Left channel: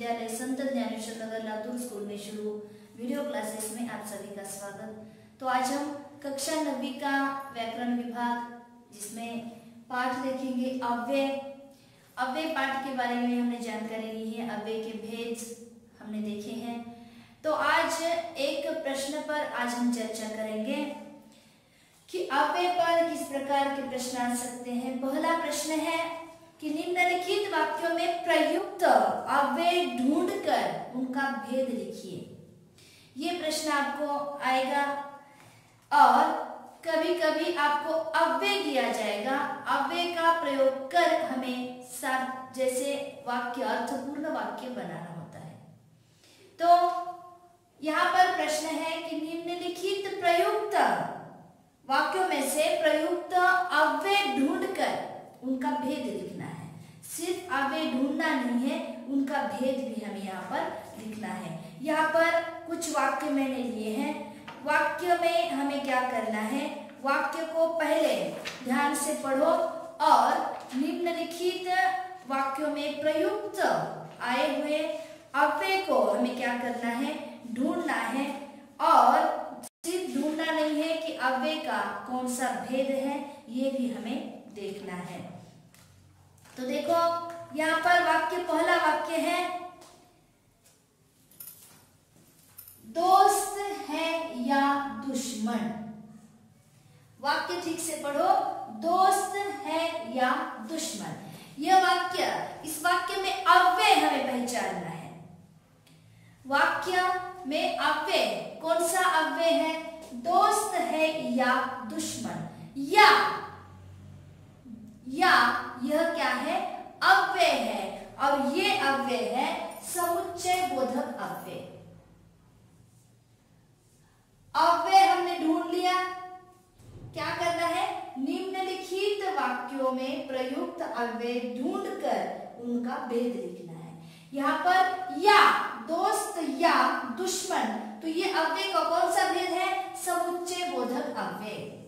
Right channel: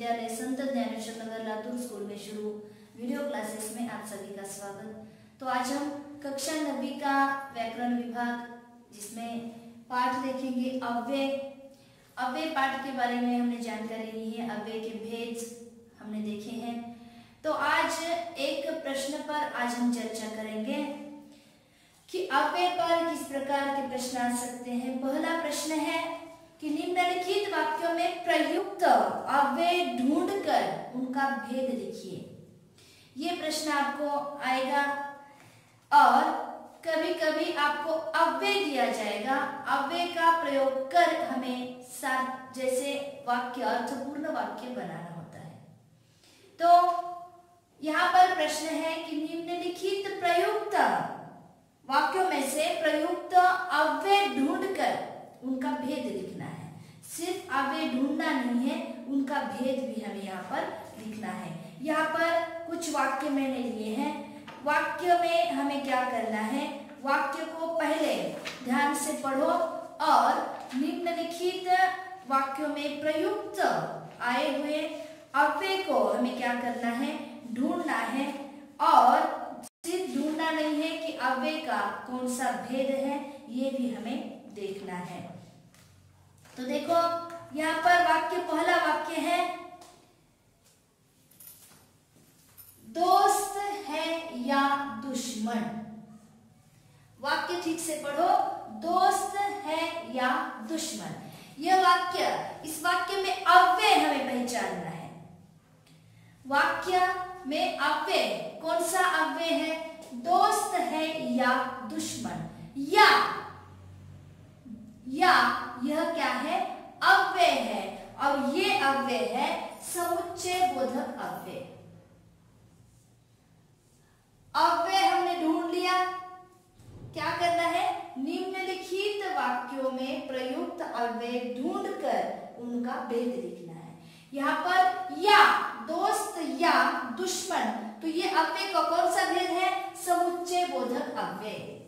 विद्यालय संत ज्ञानेश्वर नगर लातूर स्कूल में शुरू वीडियो क्लासेस में आप सभी का स्वागत। तो आज हम कक्षा 9वीं का व्याकरण विभाग जिसमें पाठ देखेंगे अव्यय। अव्यय पाठ के बारे में हमने जानकारी ली है, अव्यय के भेद हमने देखे हैं। तो आज एक प्रश्न पर आज हम चर्चा करेंगे कि अव्यय पर किस प्रकार के प्रश्न आ सकते हैं। पहला प्रश्न है कि निम्नलिखित वाक्यों में प्रयुक्त अव्यय ढूंढकर उनका भेद लिखिए। ये प्रश्न आपको आएगा और कभी कभी आपको अव्यय दिया जाएगा, अव्यय का प्रयोग कर हमें साथ जैसे वाक्य अर्थपूर्ण वाक्य बनाना होता है। तो यहाँ पर प्रश्न है कि निम्नलिखित प्रयुक्त वाक्यों में से प्रयुक्त अव्यय ढूंढकर उनका भेद लिखना है। सिर्फ अव्यय ढूंढना नहीं है, उनका भेद भी हमें यहाँ पर लिखना है। यहाँ पर कुछ वाक्य मैंने लिए हैं। वाक्य में हमें क्या करना है, वाक्य को पहले ध्यान से पढ़ो और निम्नलिखित वाक्यों में प्रयुक्त आए हुए अव्यय को हमें क्या करना है, ढूंढना है। और सिर्फ ढूंढना नहीं है कि अव्यय का कौन सा भेद है, ये भी हमें देखना है। तो देखो यहाँ पर वाक्य, पहला वाक्य है दोस्त है या दुश्मन। वाक्य ठीक से पढ़ो, दोस्त है या दुश्मन। यह वाक्य, इस वाक्य में अव्यय हमें पहचानना है। वाक्य में अव्यय कौन सा अव्यय है, दोस्त है या दुश्मन। या यह क्या है, अव्यय है और ये अव्यय है समुच्चय बोधक अव्यय। अव्यय हमने ढूंढ लिया, क्या करना है, निम्नलिखित वाक्यों में प्रयुक्त अव्यय ढूंढकर उनका भेद लिखना है। यहाँ पर या, दोस्त या दुश्मन, तो ये अव्यय का कौन सा भेद है, समुच्चय बोधक अव्यय।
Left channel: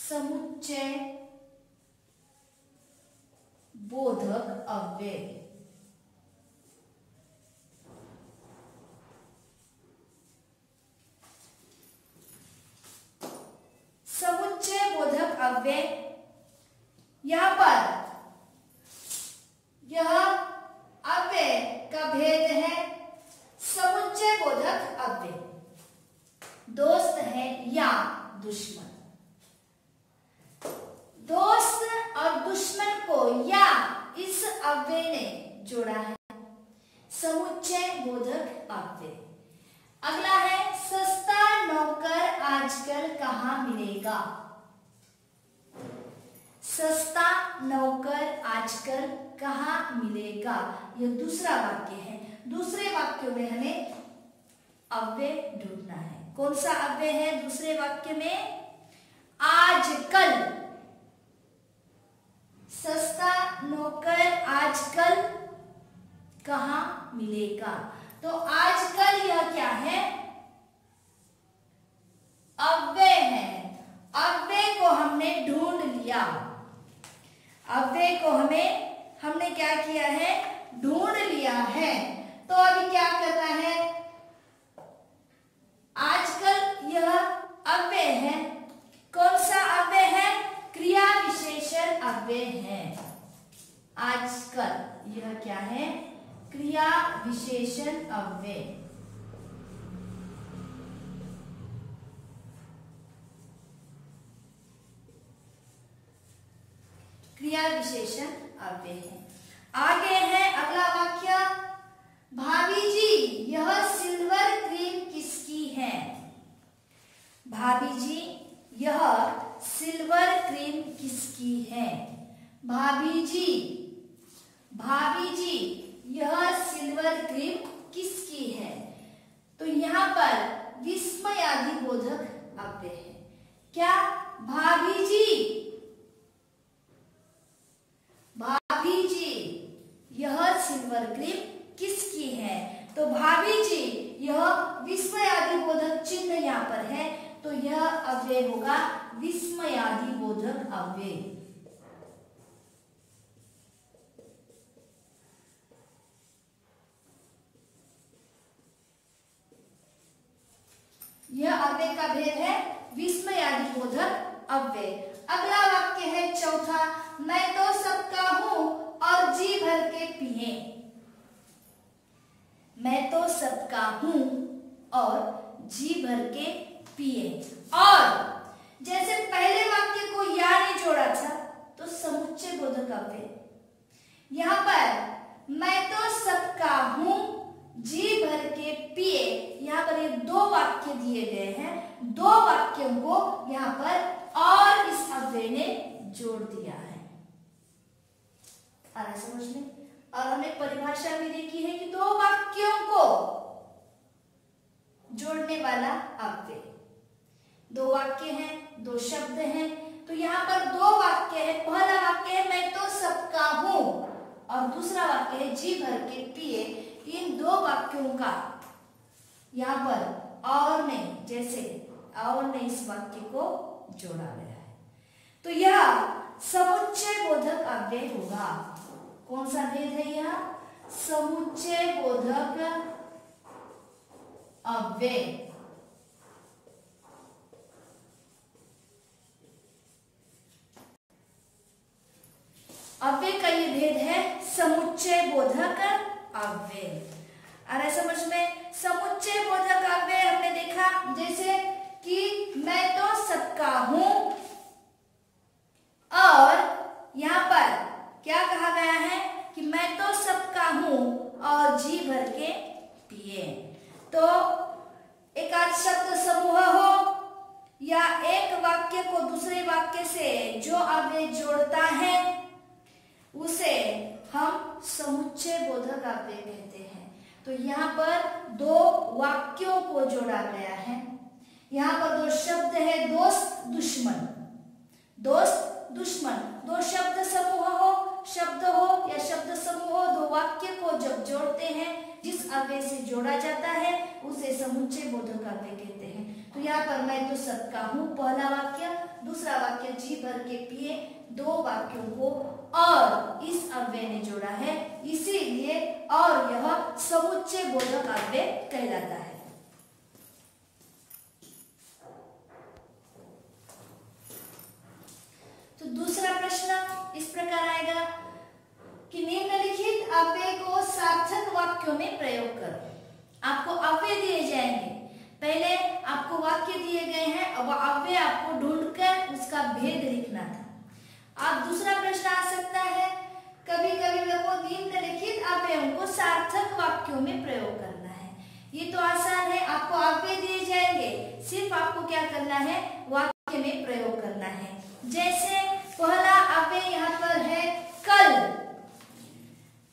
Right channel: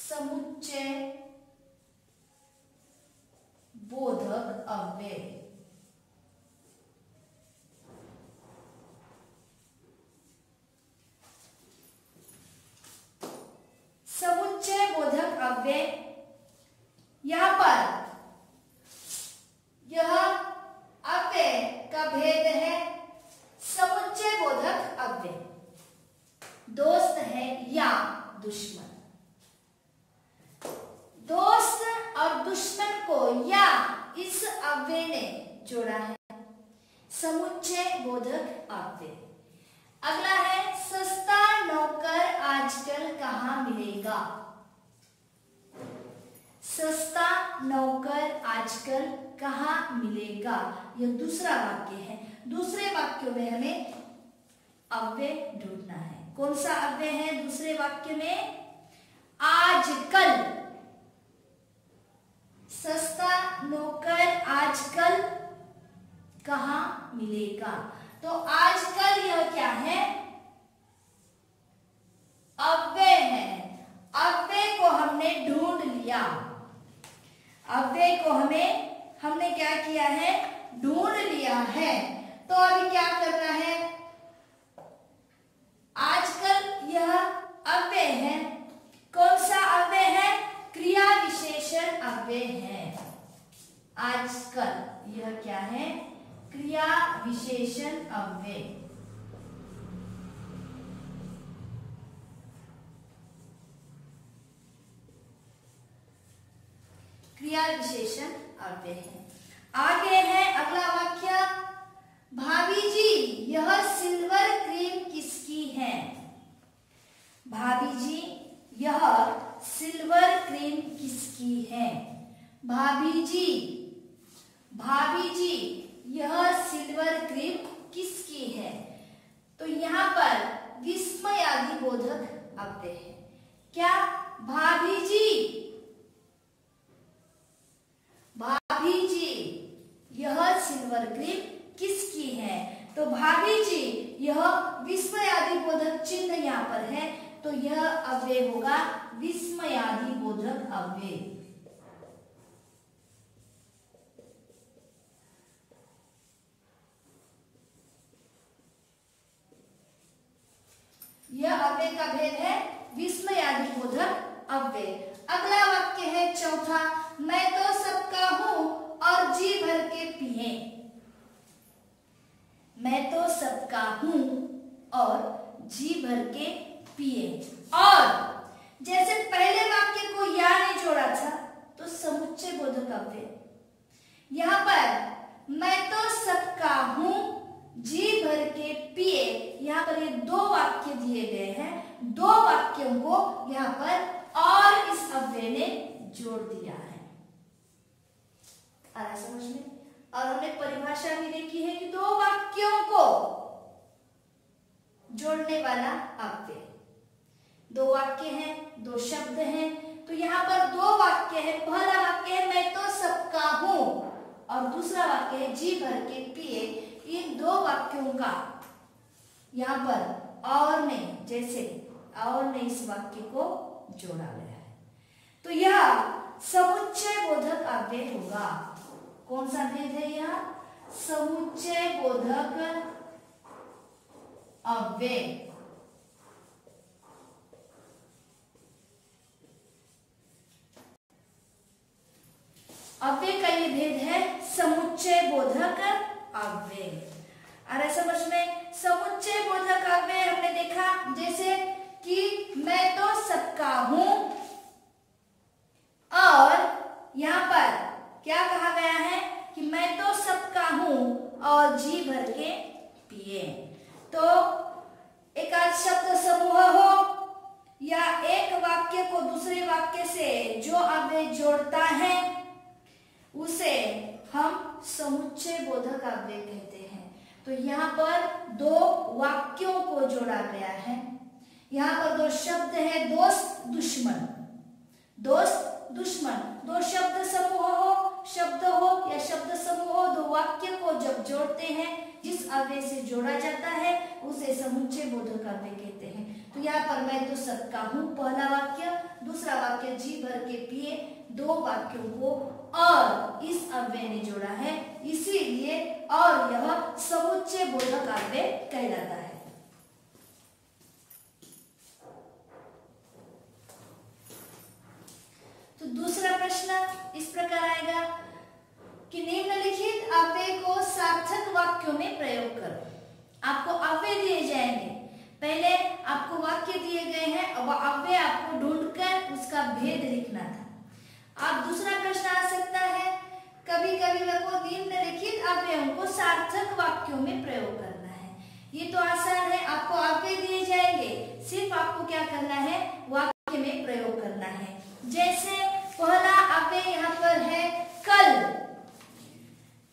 समुच्चय बोधक अव्यय। समुच्चय बोधक अव्यय, यहां पर यह अव्यय का भेद है समुच्चय बोधक अव्यय। दोस्त है या दुश्मन। दोस्त और दुश्मन को या इस अव्यय ने जोड़ा है, समुच्चय बोधक अव्यय। अगला है सस्ता नौकर आजकल कहाँ मिलेगा। सस्ता नौकर आजकल कहाँ मिलेगा, यह दूसरा वाक्य है। दूसरे वाक्य में हमें अव्यय ढूंढना है। कौन सा अव्यय है दूसरे वाक्य में, आजकल। सस्ता नौकर आजकल कहाँ मिलेगा, तो आजकल यह क्या है, अव्यय है। अव्यय को हमने ढूंढ लिया, अव्यय को हमने क्या किया है, ढूंढ लिया है। तो अभी क्या करना है, आजकल यह अव्यय है। कौन सा अव्यय है, क्रिया विशेषण अव्यय है। आजकल यह क्या है, क्रिया विशेषण अव्यय। क्रिया विशेषण अव्यय है। आगे है अगला वाक्य, भाभी जी यह सिल्वर क्रीम किसकी है। भाभी जी यह सिल्वर क्रीम किसकी है। भाभी जी यह सिल्वर क्रीम किसकी है। तो यहाँ पर विस्मयादि बोधक अव्यय है। क्या, भाभी जी यह सिल्वर क्रीम किसकी है। तो भाभी जी यह विस्मयादि बोधक चिन्ह यहाँ पर है, तो यह अव्यय होगा विस्मयादि बोधक अव्यय। यह अव्यय का भेद है विस्मयादिबोधक अव्यय। अगला वाक्य है चौथा, मैं तो सबका हूं और जी भर के पिए। मैं तो सबका हूं और जी भर के पिए। और जैसे पहले वाक्य को या ने जोड़ा था तो समुच्चय बोधक अव्यय। यहां पर मैं तो सबका हूं जी भर के पिए, यहाँ पर ये दो वाक्य दिए गए हैं, दो वाक्यों को यहाँ पर और इस अव्यय ने जोड़ दिया है। आ रहा है समझ में? और हमने परिभाषा भी देखी है कि दो वाक्यों को जोड़ने वाला अव्यय। दो वाक्य हैं, दो शब्द हैं, तो यहाँ पर दो वाक्य है। पहला वाक्य है मैं तो सबका हूं और दूसरा वाक्य है जी भर के पिए। इन दो वाक्यों का यहाँ पर और ने, जैसे और ने इस वाक्य को जोड़ा गया है, तो यह समुच्चय बोधक अव्यय होगा। कौन सा भेद है यह? समुच्चय बोधक अव्यय। अव्यय का ये भेद है समुच्चय बोधक अव्यय। आ रहा समझ में? समुच्चय बोधक अव्यय हमने देखा जैसे कि मैं तो सबका हूं और यहाँ पर क्या कहा गया है कि मैं तो सबका हूं और जी भर के पिए। तो एक आध शब्द समूह हो या एक वाक्य को दूसरे वाक्य से जो अव्यय जोड़ता है उसे हम समुच्चय बोधक अव्यय कहते हैं। तो यहाँ पर दो वाक्यों को जोड़ा गया है। यहाँ पर दो शब्द है, दोस्त दुश्मन। दोस्त दुश्मन, दो शब्द समूह हो, शब्द हो या शब्द समूह हो, दो वाक्य को जब जोड़ते हैं, जिस अव्यय से जोड़ा जाता है उसे समुच्चय बोधक अव्यय कहते हैं। तो यहाँ पर मैं तो सबका हूं पहला वाक्य, दूसरा वाक्य जी भर के पिए, दो वाक्यों को और इस अव्यय ने जोड़ा है, इसीलिए और यह समुच्चय बोधक अव्यय कहलाता है। तो दूसरा प्रश्न इस प्रकार आएगा कि निम्नलिखित अव्यय को सार्थक वाक्यों में प्रयोग करो। आपको अव्यय दिए जाएंगे, पहले आपको वाक्य दिए गए हैं, अब अव्यय आपको ढूंढकर उसका भेद लिखना था। अब दूसरा प्रश्न आ सकता है, कभी कभी को निम्नलिखित अव्ययों को सार्थक वाक्यों में प्रयोग करना है। ये तो आसान है, आपको अव्यय दिए जाएंगे, सिर्फ आपको क्या करना है, वाक्य में प्रयोग करना है। जैसे पहला अव्यय यहाँ पर है कल।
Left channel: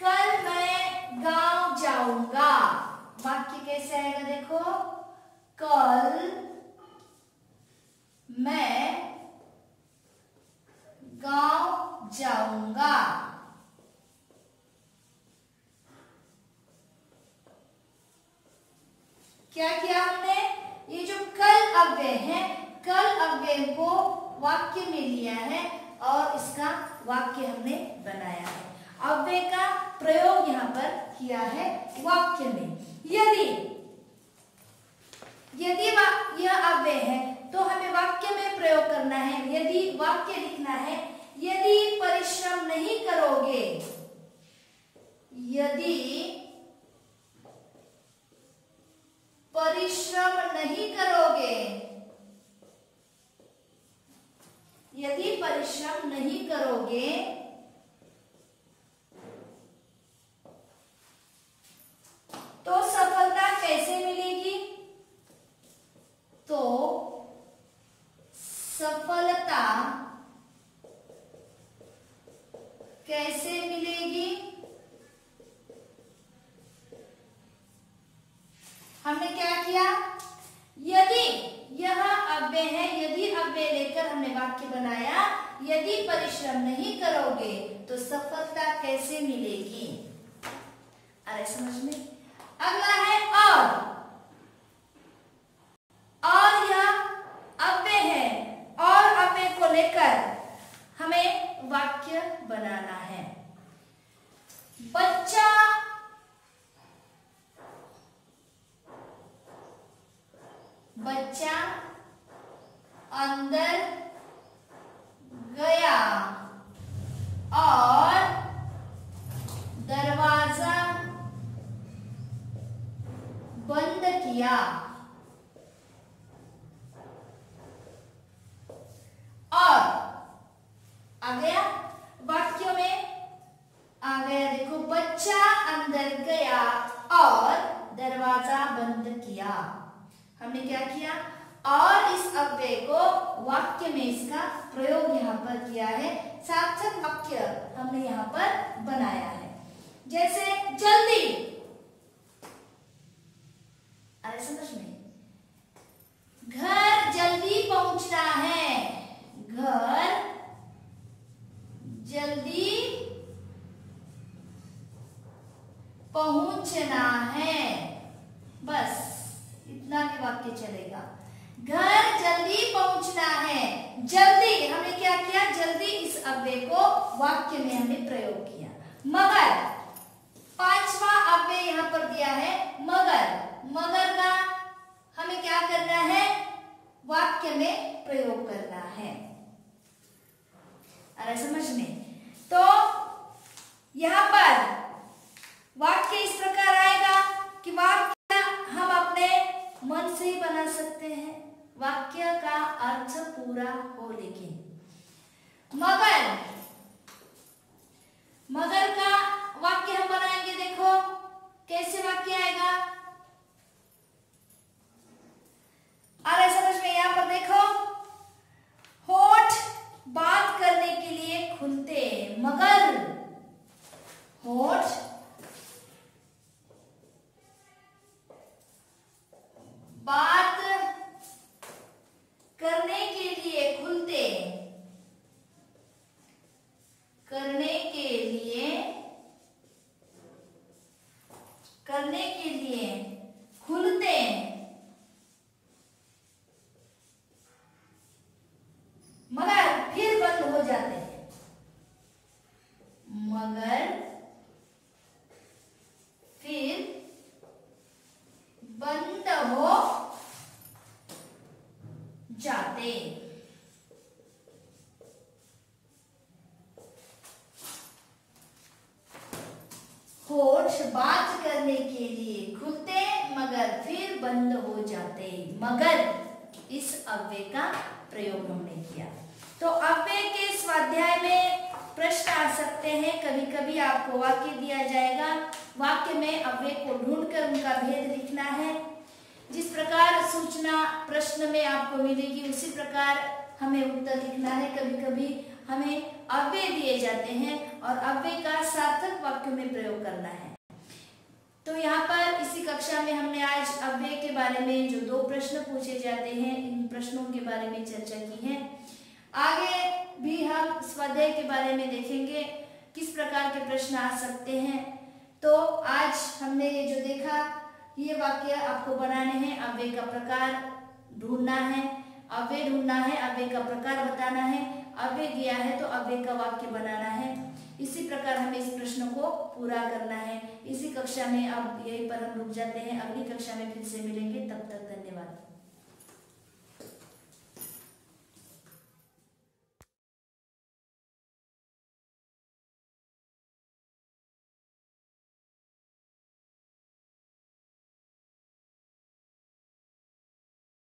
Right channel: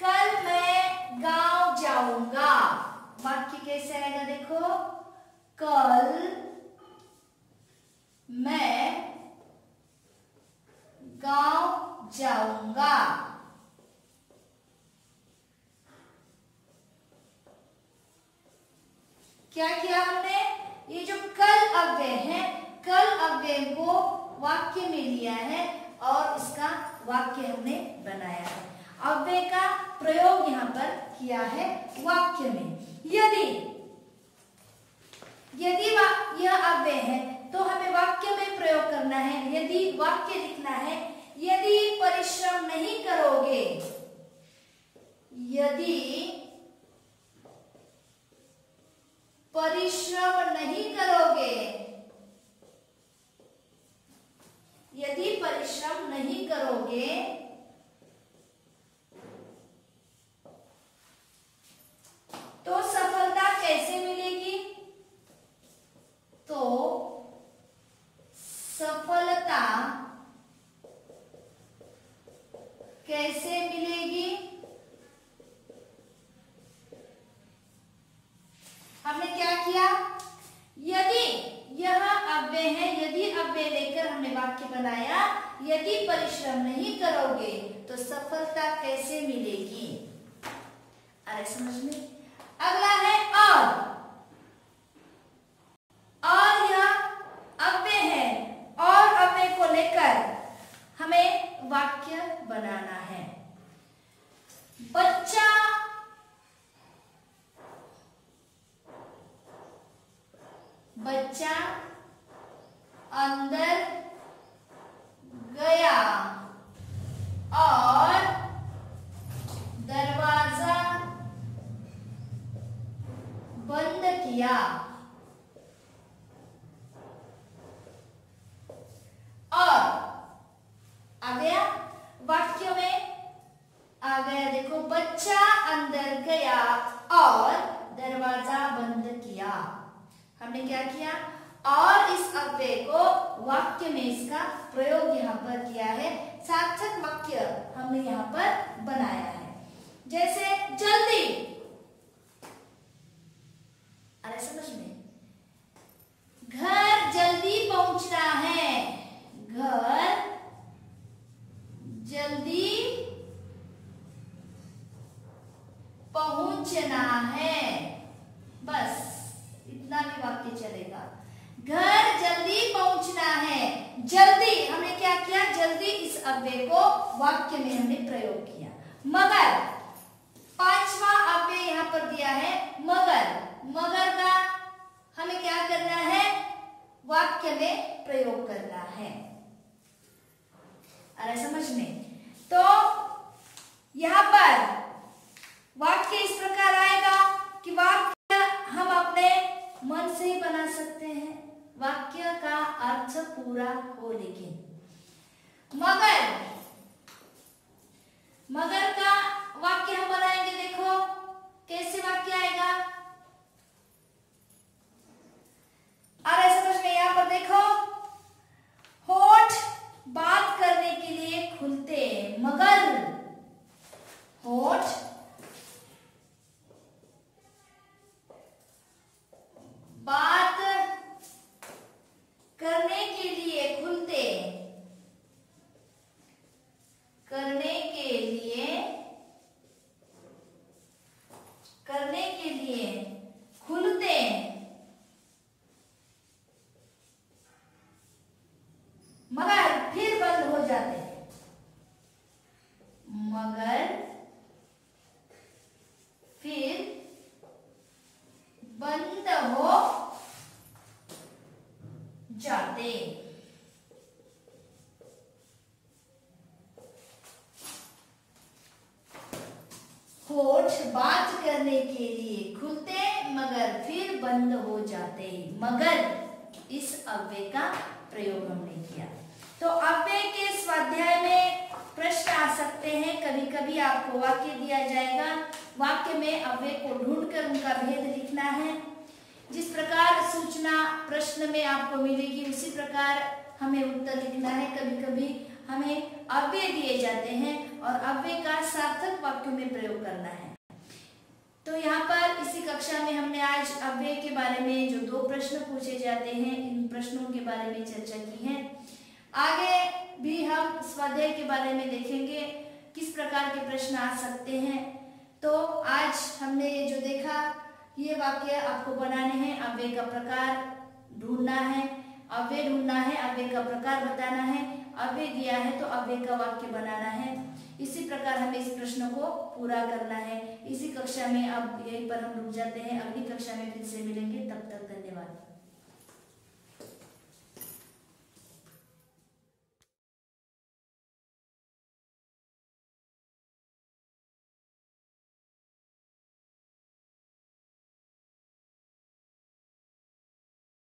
कल मैं गांव जाऊंगा। वाक्य कैसे आएगा देखो, कल मैं गांव जाऊंगा। क्या किया हमने, ये जो कल अव्यय है, कल अव्यय को वाक्य में लिया है और इसका वाक्य हमने बनाया है। अव्यय का प्रयोग यहाँ पर किया है वाक्य में। यदि यह अव्यय है तो हमें वाक्य में प्रयोग करना है। यदि वाक्य लिखना है, यदि परिश्रम नहीं करोगे, यदि परिश्रम नहीं करोगे, यदि परिश्रम नहीं करोगे तो सफलता कैसे मिलेगी? तो सफलता कैसे मिलेगी? हमने क्या किया, यदि यह अव्यय है, यदि अव्यय लेकर हमने वाक्य बनाया, यदि परिश्रम नहीं करोगे तो सफलता कैसे मिलेगी। अरे समझ में? अगला है और यह अव्यय है, और अव्यय को लेकर हमें वाक्य बनाना है। बच्चा अंदर गया और दरवाजा बंद किया। और आ गया वाक्य में, आ गया देखो, बच्चा अंदर गया और दरवाजा बंद किया। हमने क्या किया, और इस अव्यय को वाक्य में इसका प्रयोग यहाँ पर किया है, सार्थक वाक्य हमने यहाँ पर बनाया है। जैसे जल्दी, अरे समझ में, घर जल्दी पहुंचना है, घर जल्दी पहुंचना है, बस इतना भी वाक्य चलेगा। घर जल्दी पहुंचना है, जल्दी हमने क्या किया, जल्दी इस अव्यय को वाक्य में हमने प्रयोग किया। मगर, पांचवा अव्यय यहाँ पर दिया है मगर, मगर का हमें क्या करना है, वाक्य में प्रयोग करना है। अरे समझ में, तो यहाँ पर वाक्य इस प्रकार आएगा कि वाक्य हम अपने मन से ही बना सकते हैं, वाक्य का अर्थ पूरा हो। लेकिन मगर, मगर का वाक्य हम बनाएंगे, देखो कैसे वाक्य आएगा। अरे समझ में, यहां पर देखो, होठ बात करने के लिए खुलते मगर होठ बात करने के लिए खुलते, करने के लिए, करने के लिए खुलते, मगर फिर बंद हो जाते हैं, मगर फिर बंद हो जाते। होठ बात करने के लिए खुलते मगर फिर बंद हो जाते, मगर इस अव्यय का प्रयोग हमने किया। तो अव्यय के स्वाध्याय में प्रश्न आ सकते हैं, कभी कभी आपको वाक्य दिया जाएगा, वाक्य में अव्यय को ढूंढकर उनका भेद लिखना है। जिस प्रकार सूचना प्रश्न में आपको मिलेगी उसी प्रकार हमें उत्तर लिखना है। कभी कभी हमें अव्यय दिए जाते हैं और अव्यय का सार्थक वाक्यों में प्रयोग करना है। तो यहाँ पर इसी कक्षा में हमने आज अव्यय के बारे में जो 2 प्रश्न पूछे जाते हैं, इन प्रश्नों के बारे में चर्चा की है। आगे भी हम स्वाध्याय के बारे में देखेंगे, किस प्रकार के प्रश्न आ सकते हैं। तो आज हमने ये जो देखा, ये वाक्य आपको बनाने हैं, अव्यय का प्रकार ढूंढना है, अव्यय ढूंढना है, अव्यय का प्रकार बताना है, अव्यय दिया है तो अव्यय का वाक्य बनाना है। इसी प्रकार हमें इस प्रश्न को पूरा करना है। इसी कक्षा में अब यहीं पर हम रुक जाते हैं, अगली कक्षा में फिर से मिलेंगे, तब तक धन्यवाद।